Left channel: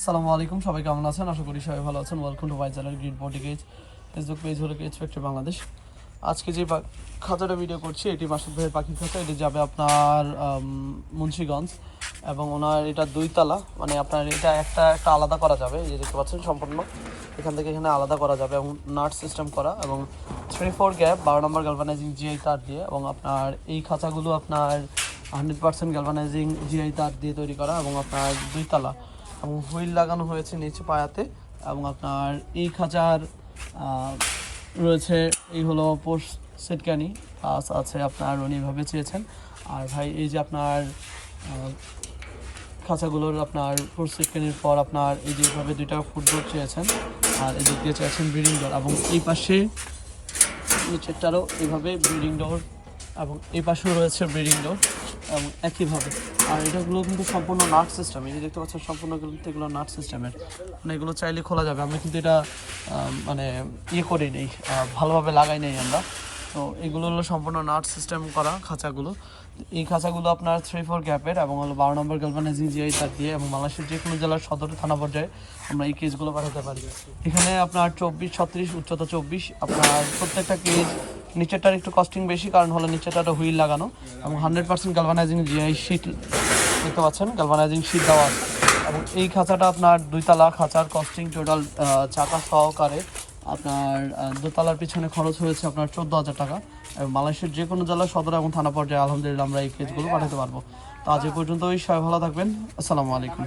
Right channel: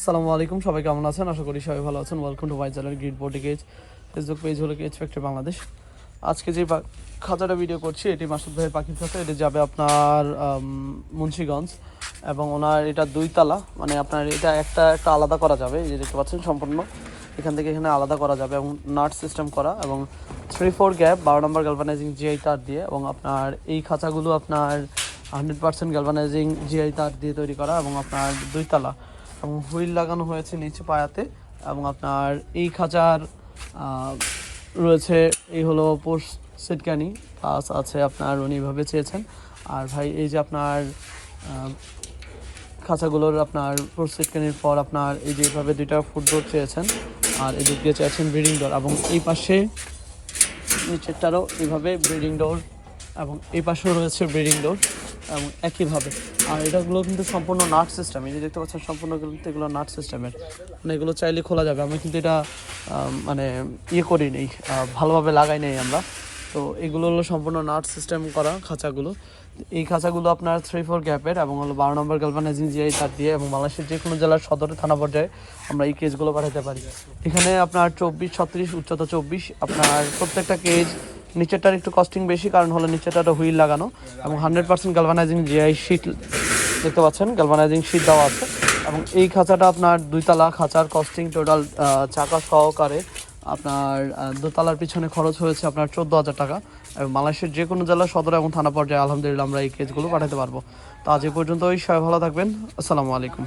আসসালামু আলাইকুম, সবাই কেমন আছেন? আশা করি সবাই ভালো আছেন। Welcome to my channel grid body cage. Facebook page হলো কেজ ফ্যাক্টরি বাংলাদেশ। আজকে যে খাঁচাটা ভিডিও করছি এটি মাসুদ ভাই পাখির খাঁচা। এটি যাবে আপনার মুন্সিগঞ্জ এবং ওনার এটা 2 তলা, মানে আপনার এটা একটা আলাদা করা যাবে। এই যে দেখতে পাচ্ছেন সম্পূর্ণ এখান থেকে এখানে আলাদা করা যাবে এবং নাট সিস্টেম করা এবং 3-4 গ্যাপ 12 নম্বর গ্যালভানাইজিং জিআই তার দিয়ে, এবং আপনার এই খাঁচাগুলো আপনার 100% গ্যালভানাইজিং জিআই তার দিয়ে তৈরি করা এবং আপনার 2 তলা হুইল লাগানো হয়েছে নিচে পায়াতে। এবং আপনার এই খাঁচার রয়েছে এই হলো পোস্ট সেটকানি প্লাস আছে আপনার উনি এভাবে চেয়েছেন। আর ভাই এই যে আপনার খাঁচাগুলোর আপনার পোস্ট সেটকানির পর আপনার এই যে এইভাবে 2টা ফুড ডোর চেয়েছেন, আর এদিক দিয়ে চেয়েছেন ব্রিডিং ডোর, এবং এই পাশে নিচেরটারও এইভাবে ব্রিডিং ডোর এবং এই পাশেও রয়েছে ব্রিডিং ডোর এবং একইভাবে। আর এটাগুলো কিন্তু সম্পূর্ণ নাট সিস্টেম, এই দেখতে পাচ্ছেন সম্পূর্ণ কিন্তু এগুলো নাট সিস্টেমের, মানে এগুলো চাইলে খোলা যাবে। আমরা কিন্তু এটা মানে করি নেই, ভালোভাবে লাগাই নেই আমরা। তো এগুলো হলো সম্পূর্ণ নাট সিস্টেম করা খাঁচাগুলো। এই খাঁচাগুলো আপনার 3-4 গ্যাপের এবং হলো 12 নম্বর গ্যালভানাইজিং জিআই তার দিয়ে, এবং বাংলাদেশের যে কোনো জেলার সদর থানা পর্যায়ে আমরা এই কেজগুলো পাঠাতে পারি। এখানে আপনার 24-36 উচ্চতা 24। আপনার প্রত্যেকটা কেজ নিচেরটার একটু কস্টিং বেশি, কারণ হলো নিচেরটা হুইল লাগানো এবং 100% গ্যালভানাইজিং জিআই শীট দেখতে পাচ্ছেন, গ্যালভানাইজিং শীট দেওয়া আছে। এই খাঁচাটা আপনার 2 তলা খাঁচার কস্টিং টোটাল চাকা সহকারে আপনার 2 তলার পিছনে খরচ হয়েছে আপনার 14,000 টাকা, এবং বাংলাদেশের যে কোনো জেলা সদর এবং থানা পর্যায়ে আলহামদুলিল্লাহ আমরা এই কেজগুলো পাঠাতে পারবো। তো আজ এই পর্যন্তই, সবাই ভালো থাকবেন। আসসালামু আলাইকুম।